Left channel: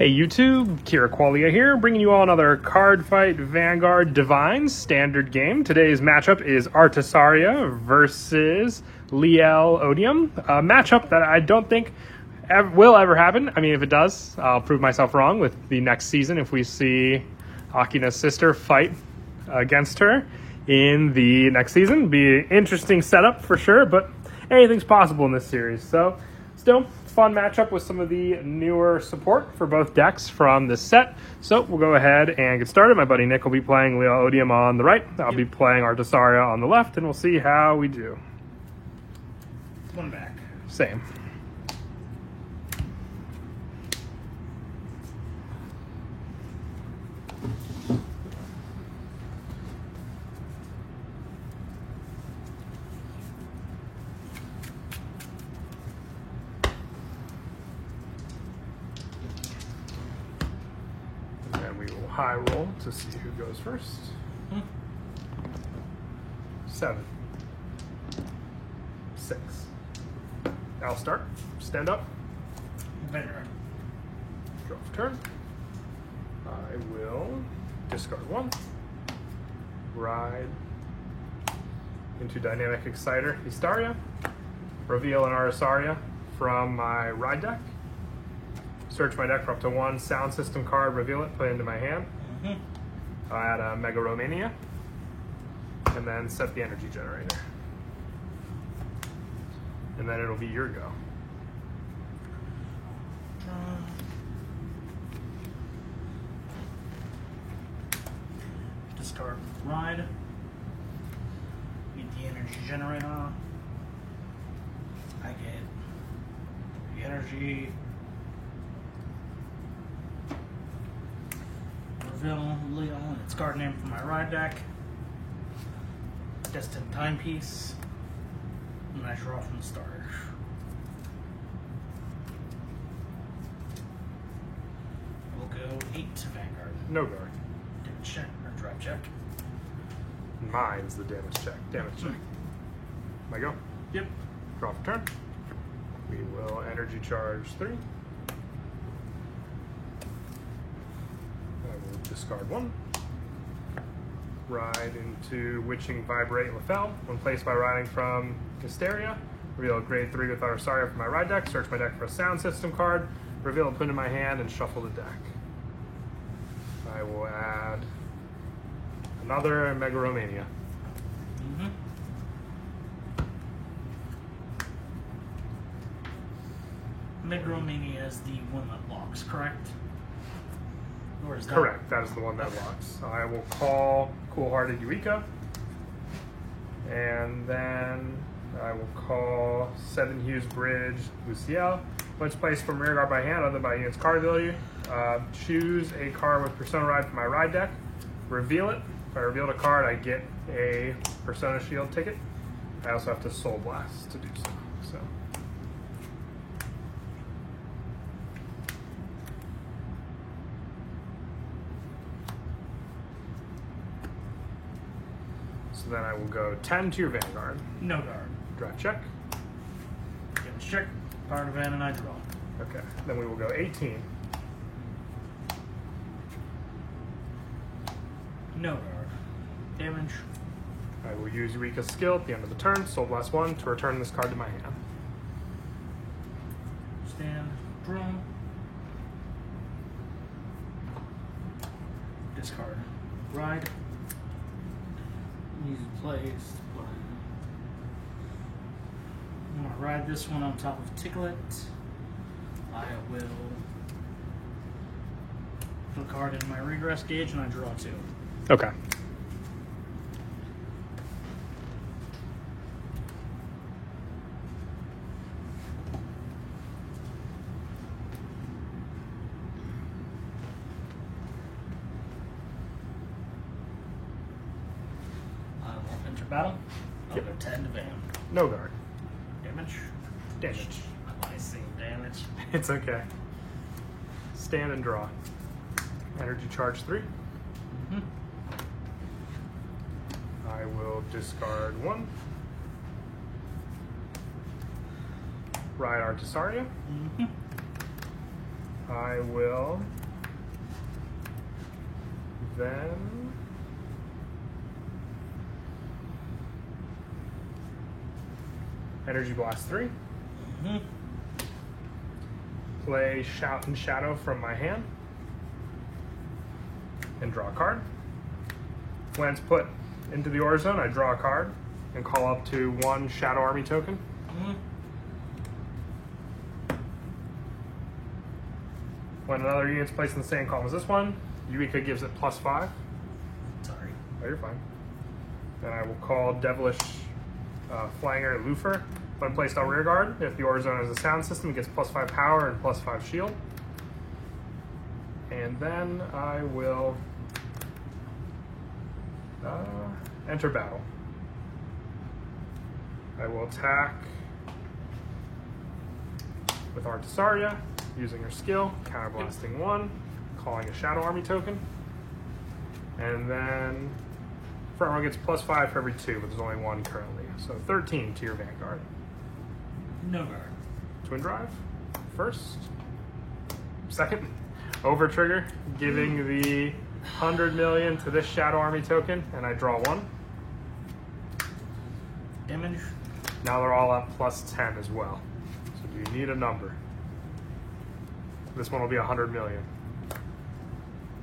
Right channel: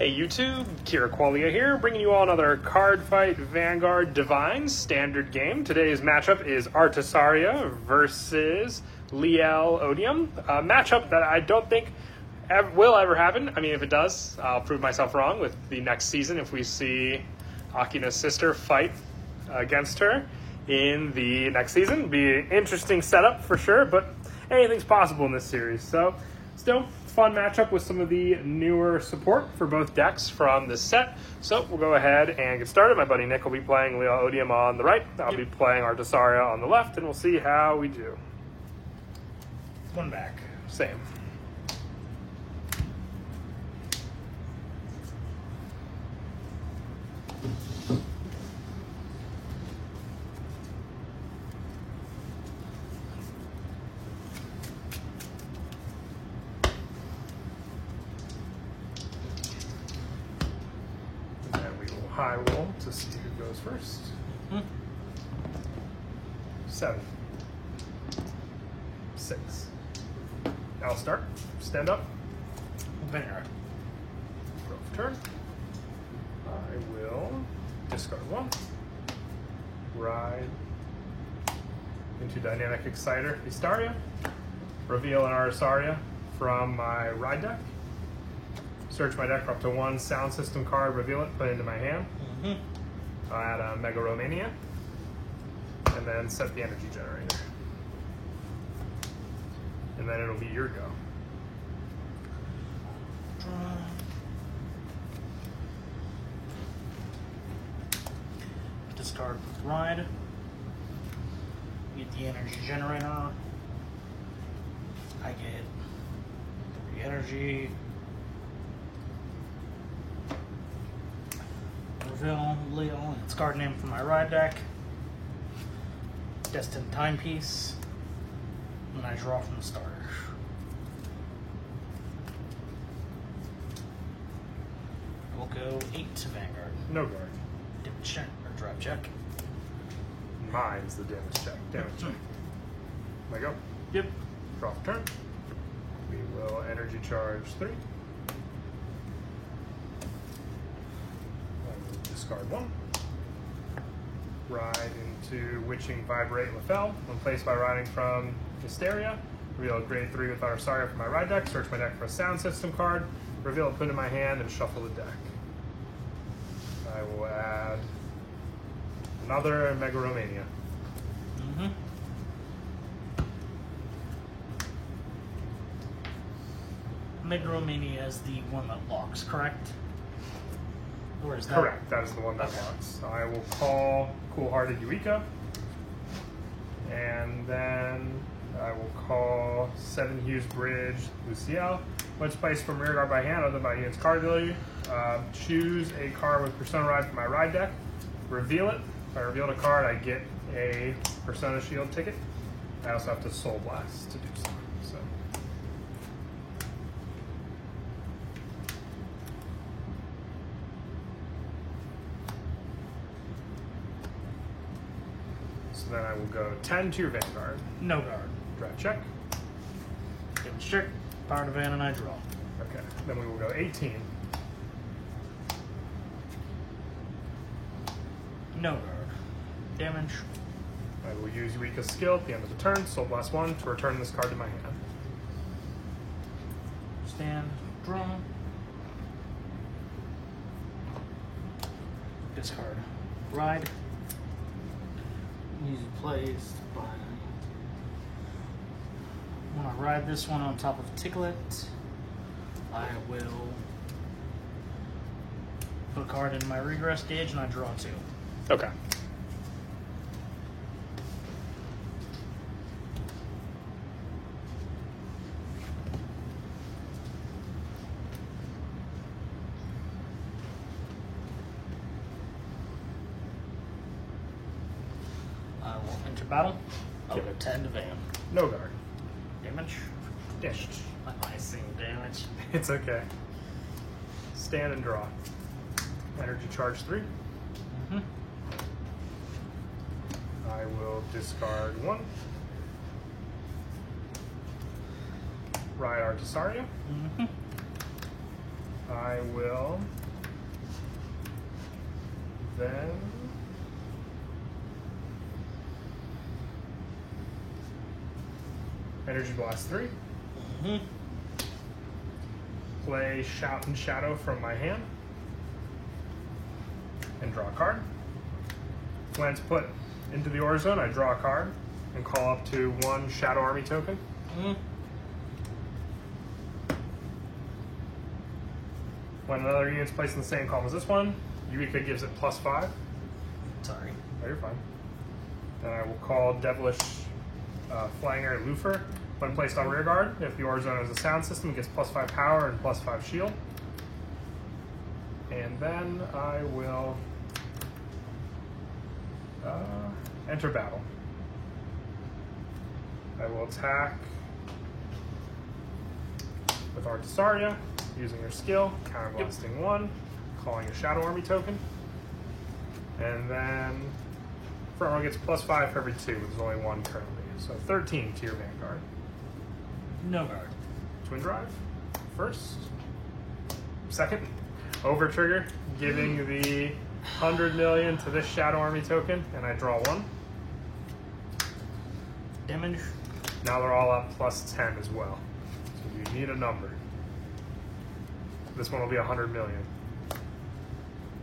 Hey YouTube, Kira Qualia here, bringing you all another Card Fight Vanguard Divine standard game. Today's matchup is Artasaria versus Liel Odium, a matchup that I don't think will ever happen. I mean, if it does, I'll prove myself wrong with the next season if we see Akina's sister fight against her in the next season. Be an interesting setup for sure, but anything's possible in this series. So, still, fun matchup with some of the newer support for both decks from this set. So we'll go ahead and get started. My buddy Nick will be playing Liel Odium on the right. I'll be playing Artasaria on the left, and we'll see how we do. One back. Same. High roll to see who goes first. 7. 6. I'll start. Stand up. Vanguard. Draw for turn. I will discard 1. Ride into Dynamic Exciter Hysteria. Reveal an Artasaria from my ride deck. Search my deck for up to 1 sound system card, reveal it, put it into my hand. I'll add a Mega Romania, and then set the energy generator. And then it'll be your go. Discard ride. Get the energy generator. I get 3 energy. Reveal Liel, its card name from my ride deck. Destined Timepiece. And I draw from the starter. We'll go 8 to Vanguard. No guard. Damage check or drop check. Mine's the damage check. Damage check. My go. Yep. Draw for turn. We will energy charge 3. Discard 1. Ride into Witching Vibrate Lefel. When placed by riding from Hysteria, reveal a grade 3 with Artasaria from my ride deck. Search my deck for a sound system card. Reveal it, put it in my hand, and shuffle the deck. I will add another Mega Romania. Mega Romania is the one that locks, correct? Or is that... Correct, that is the one that locks. So I will call Cool-Hearted Eureka, and then I will call Seven Hues Bridge Luciel. Once placed from rear guard by hand, other than by unit's card ability, choose a card with Persona Ride from my ride deck, reveal it. If I reveal a card, I get a Persona Shield ticket. I also have to Soul Blast to do so. So then I will go 10 to your Vanguard. No guard. Draw check. Damage check. Power to Van and I draw. Okay, then we will go 18. No guard. Damage. I will use Eureka's skill at the end of the turn, Soul Blast 1, to return this card to my hand. Stand. Draw. Discard. Ride. Easy placed by... When I ride this one on top of Ticklet, I will put a card in my regress gauge and I draw 2. Okay. Enter battle. I'll go 10 to Van. No guard. Damage. Damage. I see damage. It's okay. Stand and draw. Energy charge 3. I will discard 1. Ride Artasaria. I will then Energy Blast 3. Play Shout and Shadow from my hand and draw a card. When it's put into the order zone, I draw a card and call up to 1 Shadow Army token. When another unit's placed in the same column as this one, Eureka gives it +5. Sorry. Oh, you're fine. Then I will call Devilish Flanger Lufer. When placed on rear guard, if the order zone has a sound system, it gets +5 power and +5 shield. And then I will enter battle. I will attack with Artisaria, using her skill, counterblasting 1, calling a Shadow Army token. And then front row gets +5 for every 2, but there's only 1 currently. So 13 to your Vanguard. No guard. Twin Drive. First. Second. Over trigger, giving the 100 million to this Shadow Army token, and I draw 1. Damage. Now they're all up +10 as well. So you need a number. This one will be 100 million.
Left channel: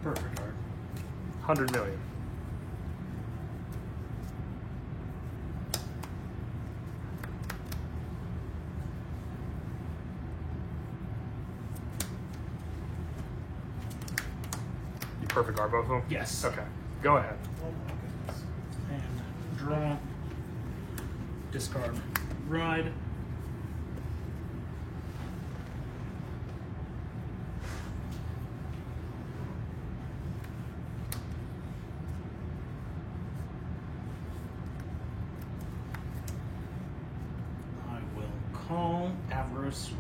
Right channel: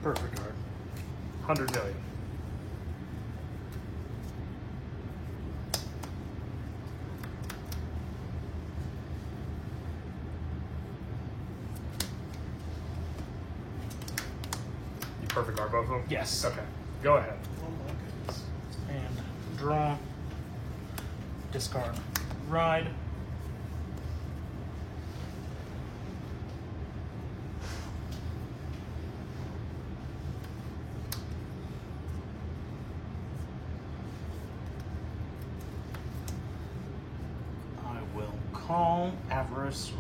Perfect card. 100 million. You perfect are both of them? Yes. Okay. Go ahead. Oh my goodness. And draw. Discard. Ride. I will call Avarice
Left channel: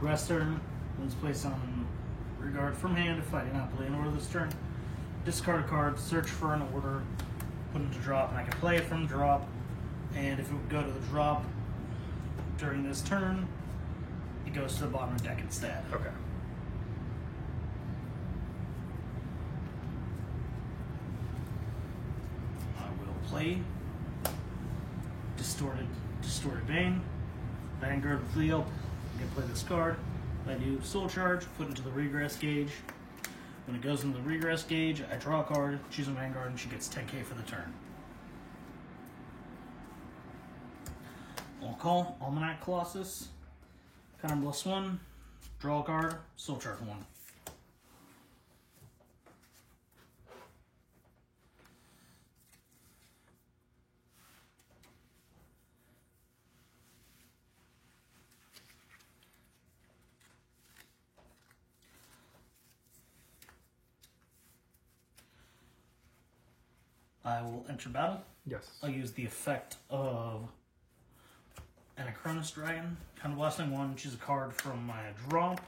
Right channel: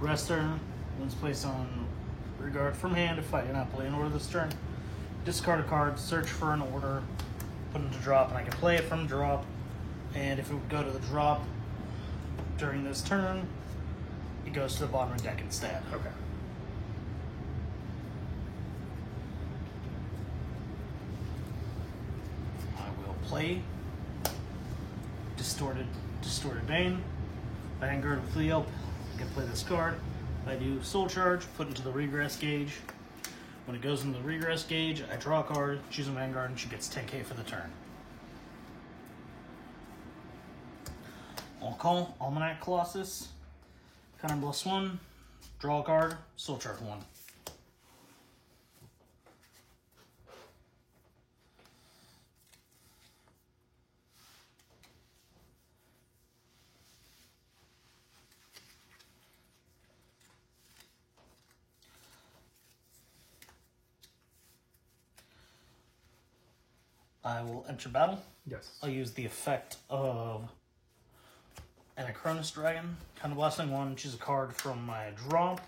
Rester. When it's placed on regard from hand, if I do not play an order this turn, discard a card, search for an order, put it to drop, and I can play it from drop. And if it would go to the drop during this turn, it goes to the bottom of the deck instead. Okay. I will play Distorted Bane, Vanguard with Leo. I can play this card. I do Soul Charge, put into the Regress gauge. When it goes into the Regress gauge, I draw a card, choose a Vanguard, and she gets 10k for the turn. I'll call Almanac Colossus, +1, draw a card, Soul Charge 1. I will enter battle. Yes. I'll use the effect of Anachronous Dragon. Counterblasting 1, choose a card from my drop,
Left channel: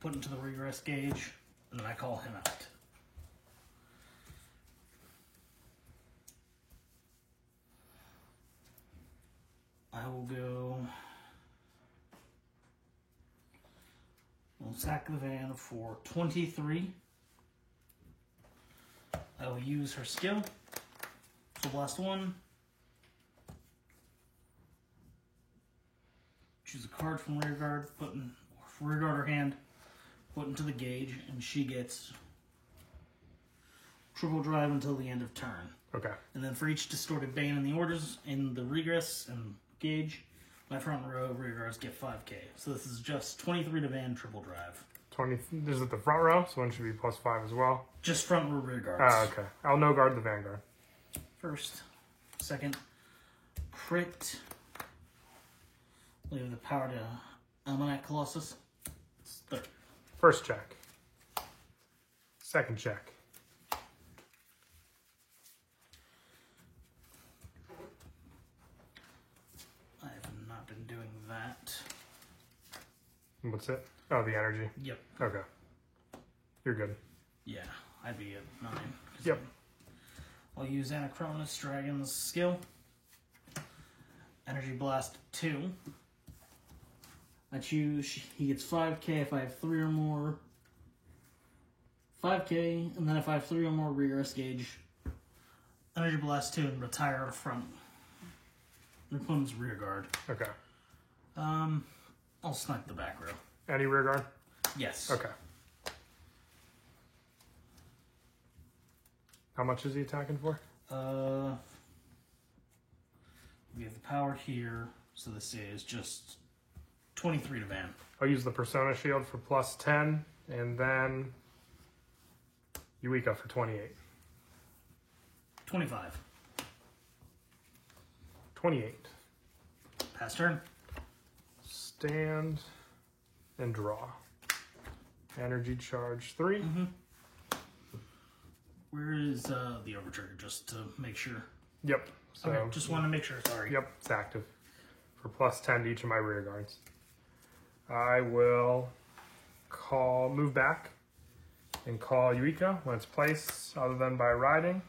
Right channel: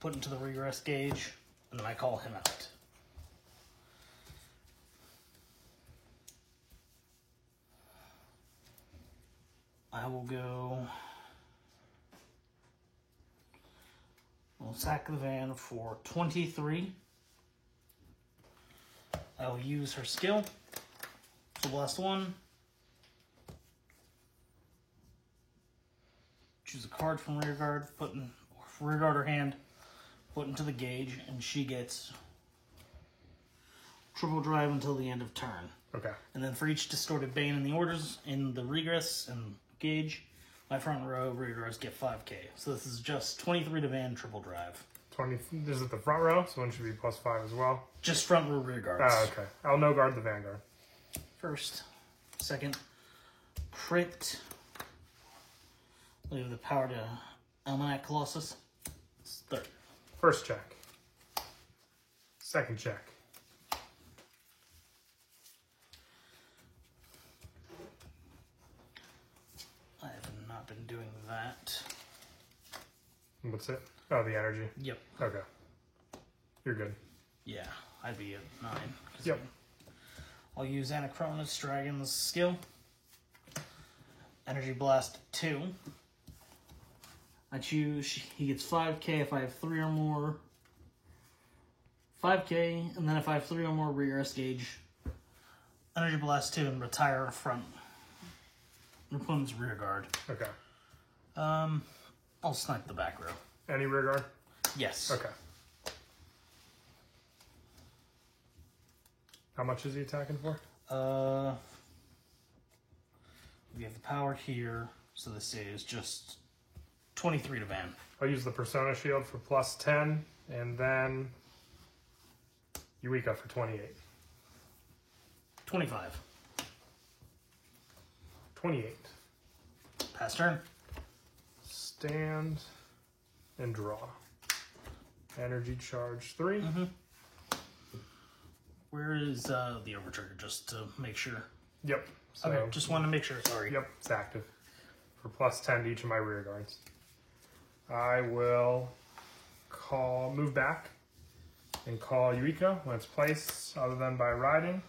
put into the Regress gauge, and then I call him out. I will go... I'll sack the van for 23. I will use her skill to blast 1. Choose a card from rear guard, rear guard or hand, put into the gauge, and she gets triple drive until the end of turn. Okay. And then for each Distorted Bane in the orders, in the Regress and gauge, my front row rear guards get 5k. So this is just 23 to van, triple drive. 20. Is it the front row? So one should be +5 as well. Just front row rear guards. Oh, okay. I'll no guard the Vanguard. First, second, crit. We have the power to Almanac Colossus. It's third. First check. Second check. I have not been doing that. What's it? Oh, the energy. Yep. Okay. You're good. Yeah, I'd be at 9. Yep. I'll use Anachronous Dragon's skill. Energy Blast 2. I choose, he gets 5k if I have 3 or more. 5k, and then if I have 3 or more rear gauge, Energy Blast 2 and retire front. Opponent's rear guard. Okay. I'll snipe the back row. Any rear guard? Yes. Okay. How much is he attacking for? We have the power here, so this is just 23 to Van. I'll use the Persona Shield for plus 10, and then Eureka for 28. 25. 28. Pass turn. Stand and draw. Energy charge 3. Where is the overtrigger, just to make sure? Yep. So, Okay, just want to make sure, sorry. Yep, it's active. For plus 10 to each of my rear guards. I will move back and call Eureka when it's placed, other than by riding.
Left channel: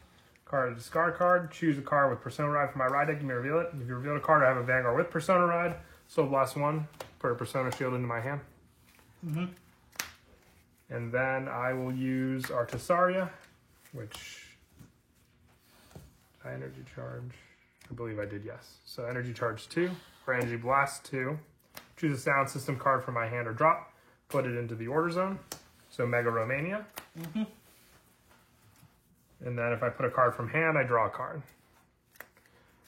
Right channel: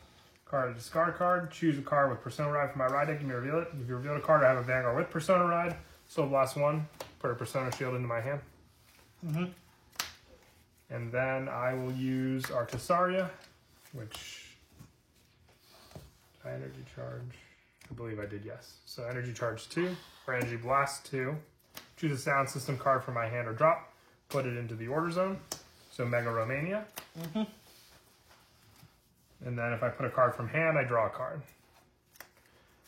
Card, discard card. Choose a card with Persona Ride from my ride deck. You may reveal it. If you reveal a card, I have a Vanguard with Persona Ride. Soul Blast 1. Put a Persona Shield into my hand. And then I will use Artasaria, which I energy charge. I believe I did, yes. So energy charge 2 for Energy Blast 2. Choose a sound system card from my hand or drop. Put it into the order zone. So Mega Romania. And then if I put a card from hand, I draw a card.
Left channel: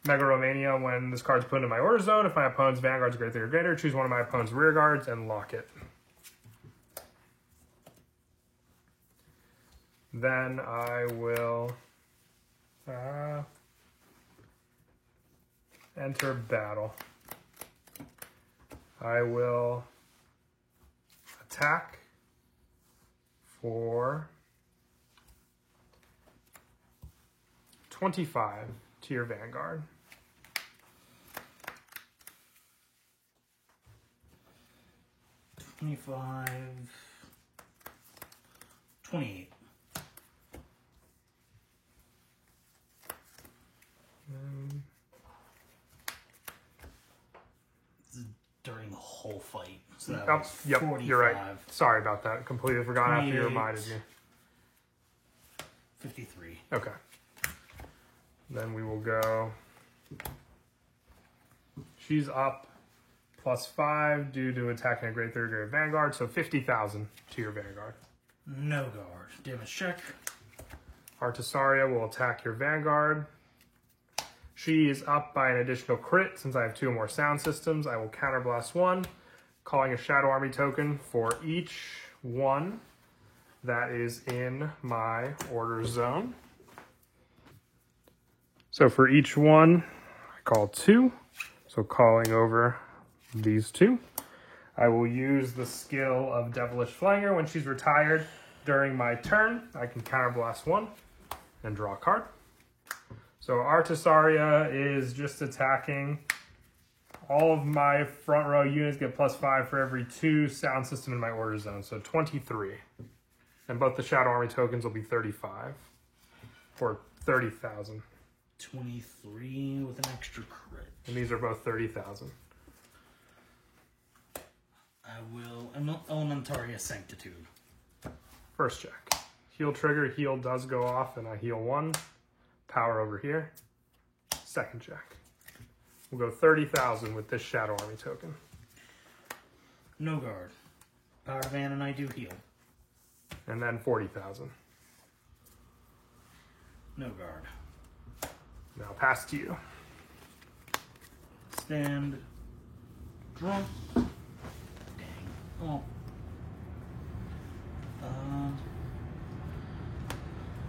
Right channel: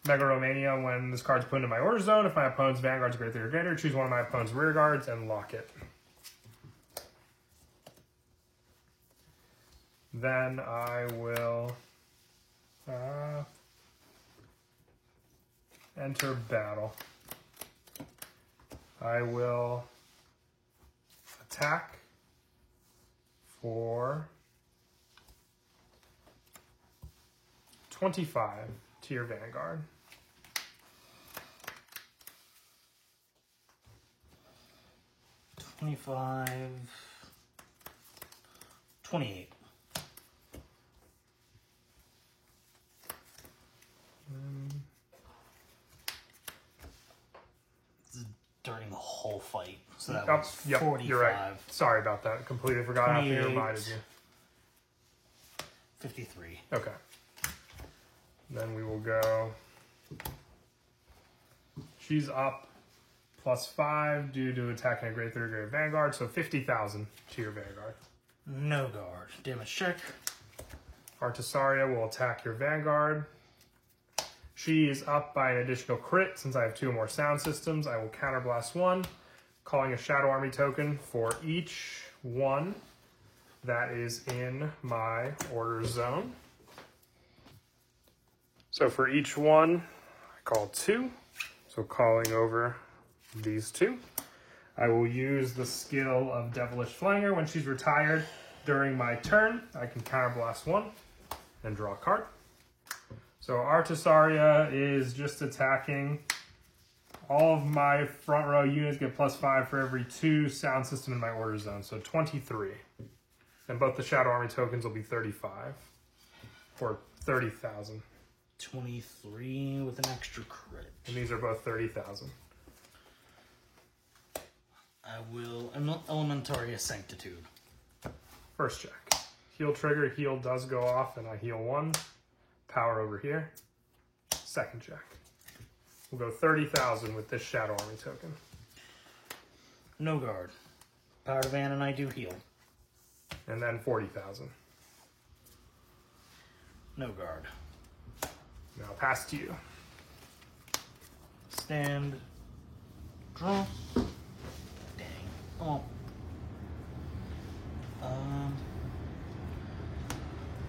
Mega Romania, when this card's put into my order zone, if my opponent's Vanguard's greater or greater, choose one of my opponent's rear guards and lock it. Then I will enter battle. I will attack for 25 to your Vanguard. $25, $28. During the whole fight, so that was 45. You're right. Sorry about that. Completely forgot after you reminded me. 53. Okay. Then we will go. She's up plus 5 due to attacking a Great Third Grade Vanguard, so 50,000 to your Vanguard. No guard. Damage check. Artasaria will attack your Vanguard. She is up by an additional crit. Since I have 2 more sound systems, I will counterblast 1, calling a Shadow Army token for each one that is in my order zone. So for each one, I call 2. So calling over these 2. I will use the skill of Devilish Flanger. When she's retired during my turn, I can counterblast 1 and draw a card. So Artasaria is just attacking. All of my front row units get plus 5 for every 2 sound system in my order zone. So 23. And both the Shadow Army tokens will be 35. For 30,000. 23 with an extra crit. And these are both 30,000. I will Elementaria Sanctitude. First check. Heal trigger, heal does go off, and I heal 1. Power over here. Second check. We'll go 30,000 with this Shadow Army token. No guard. Power Van and I do heal. And then 40,000. No guard. Now pass to you. Stand. Draw. Dang. Oh.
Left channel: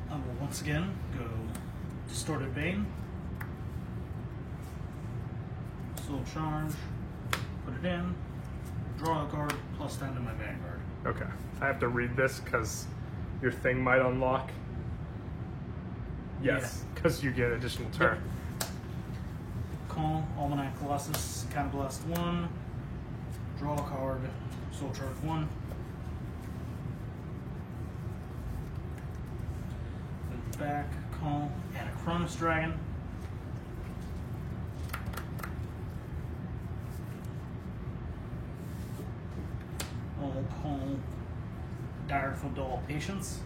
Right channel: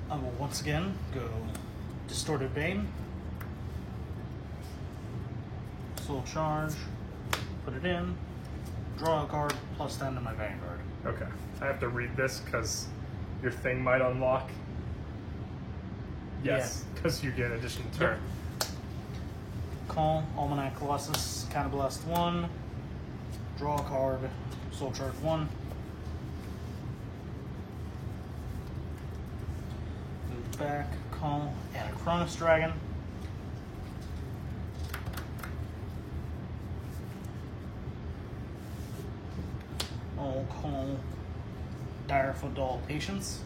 I will once again go Distorted Bane. Soul Charge. Put it in. Draw a card, plus 10 to my Vanguard. Okay. I have to read this because your thing might unlock. Yes, because you get additional turn. Yep. Call, Almanac Colossus, Counterblast 1. Draw a card, Soul Charge 1. Move back, call, Anachronous Dragon. I'll call Direful Dull Patience.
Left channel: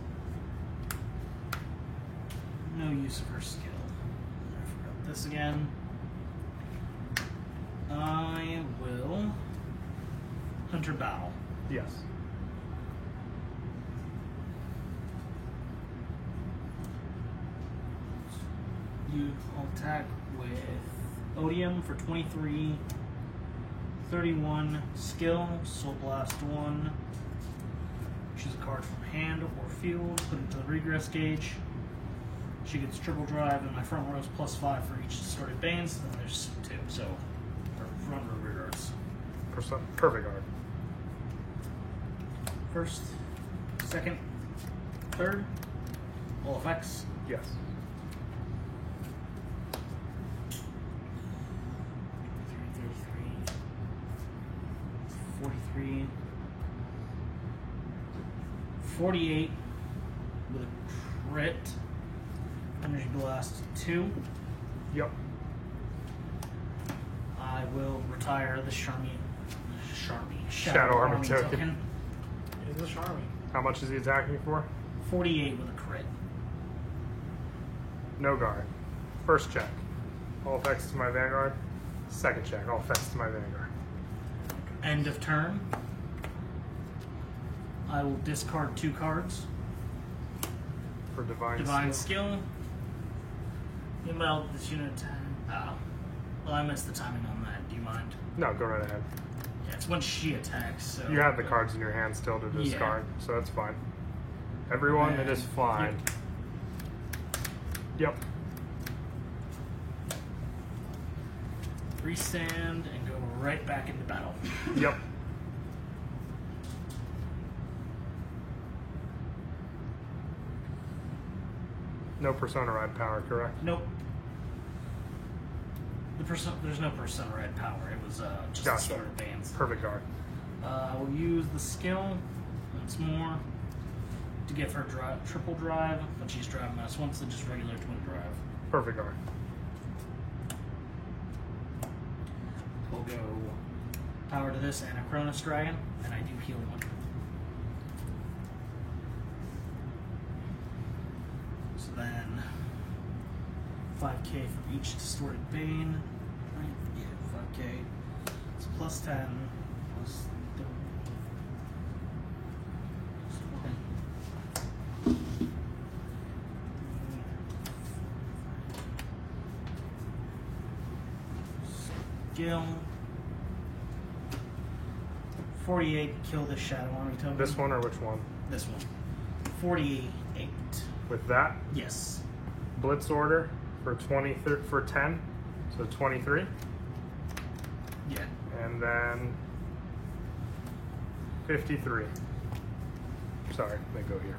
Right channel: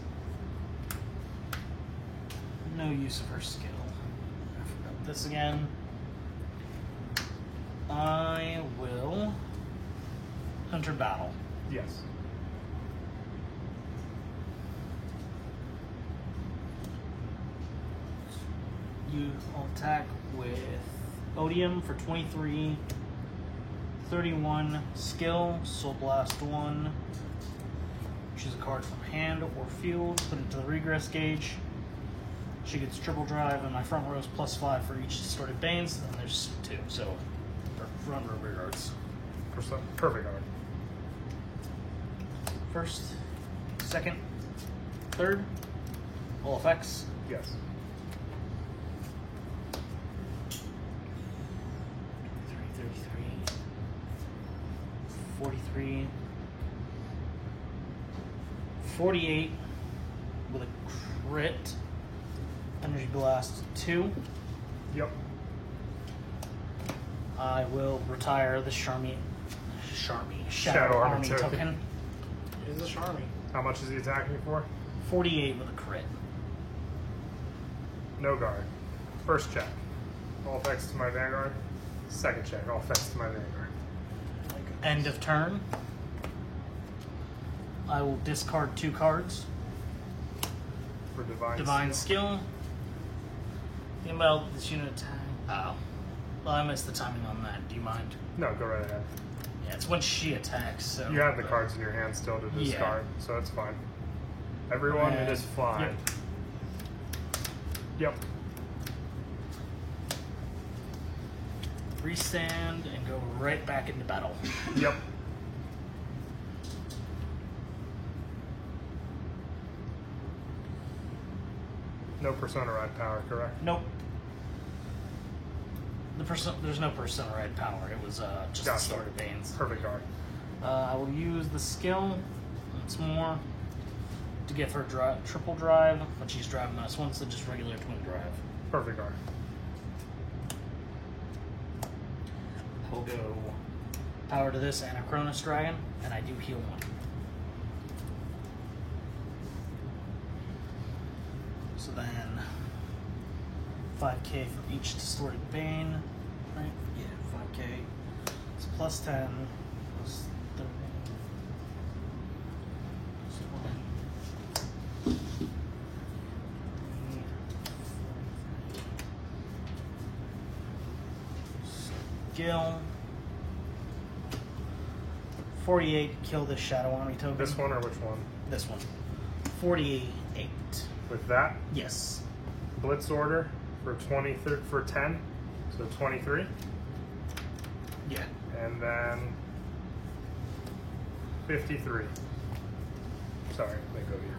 No use of her skill. I forgot this again. I will Hunter Battle. Yes. I'll attack with Odium for 23, 31 skill, Soul Blast 1. Choose a card from hand or field, put it to the regress gauge. She gets triple drive, and my front row is +5 for each distorted Banes, and then there's 2, so front row regards. Perfect card. First, second, third, all effects. Yes. 33, 43, 48 with a crit. Energy Blast 2. Yep. I will retire the Shadow Shadow Army Army token. token. It is a Charmy. How much is he attacking for? 48 with a crit. No guard. First check. All effects to my Vanguard. Second check. All effects to my Vanguard. End of turn. I will discard 2 cards. For Divine Skill. The amount of this unit attack. Oh. Well, I missed the timing on that. Do you mind? No, go right ahead. Yeah, it's when she attacks. So You have the cards in your hand still to discard, so it's fine. Everyone, it is fine. Yep. Restand and go right back into battle. Yep. No Persona Ride power, correct? Nope. There's no Persona Red power. It was just the Gotcha. start of Banes. Perfect card. I will use the skill once more to give her triple drive, but she's driving -1, so just regular twin drive. Perfect card. We'll go power to this Anachronous Dragon, and I do heal 1. So then 5k for each distorted Bane. Right? Yeah, 5k. It's +10 plus 30. Skill 48, kill this Shadow Army token. This one or which one? This one. 48. With that, Yes. Blitz order for 10, so 23, Yeah. and then 53. Sorry, let me go here.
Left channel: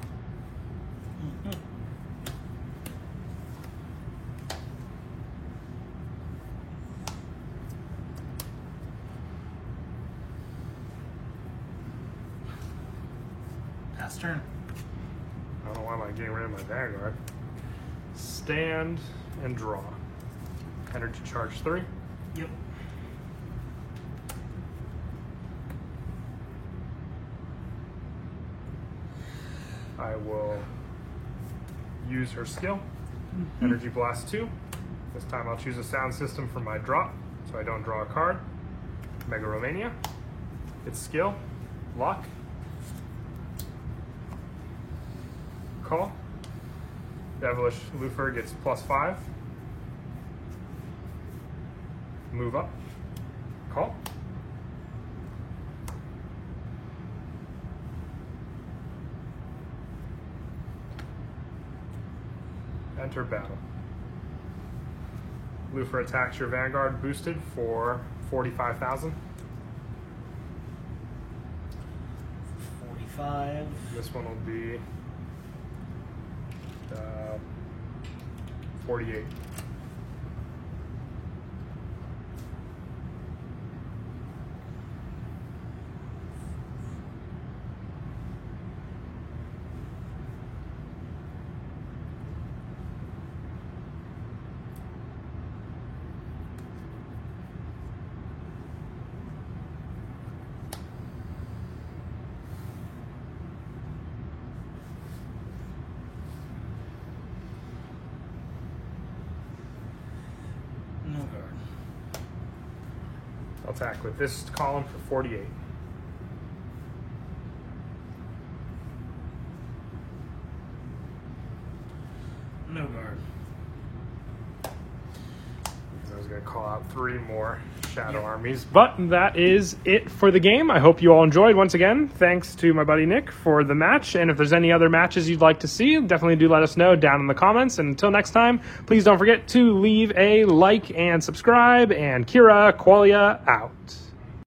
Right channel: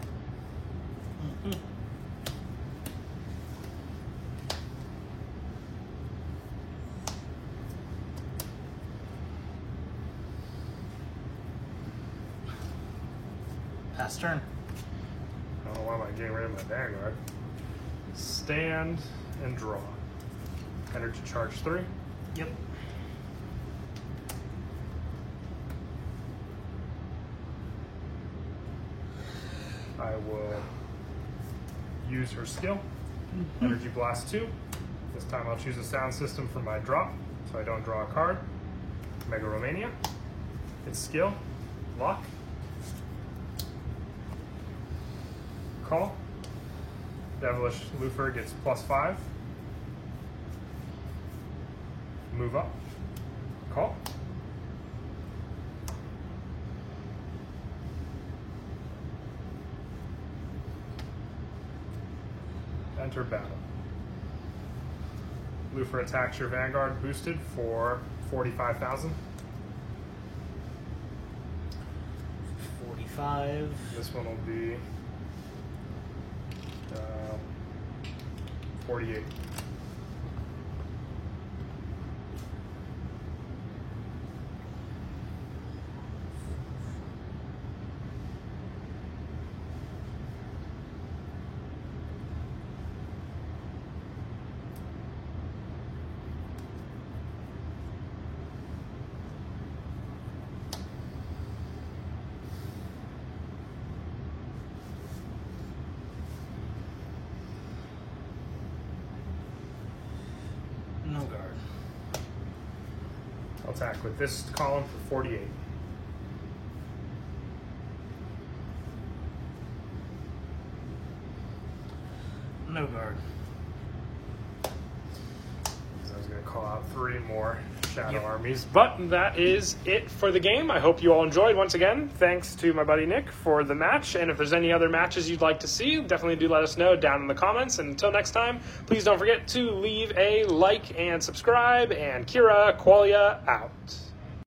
Mhm. Pass turn. I don't know why I'm getting rid of my Vanguard. Stand and draw. Energy charge 3. Yep. I will use her skill. Energy Blast 2. This time I'll choose a sound system for my drop, so I don't draw a card. Mega Romania. Its skill. Lock. Call. Devilish Lufer gets +5. Move up. Call. Enter battle. Lufer attacks your Vanguard boosted for 45,000. 45. This one will be 48. I'll attack with this column for 48. No guard. I was going to call out 3 more Shadow Armies. But that is it for the game. I hope you all enjoyed. Once again, thanks to my buddy Nick for the match. And if there's any other matches you'd like to see, definitely do let us know down in the comments. And until next time, please don't forget to leave a like and subscribe. And Kira Qualia out.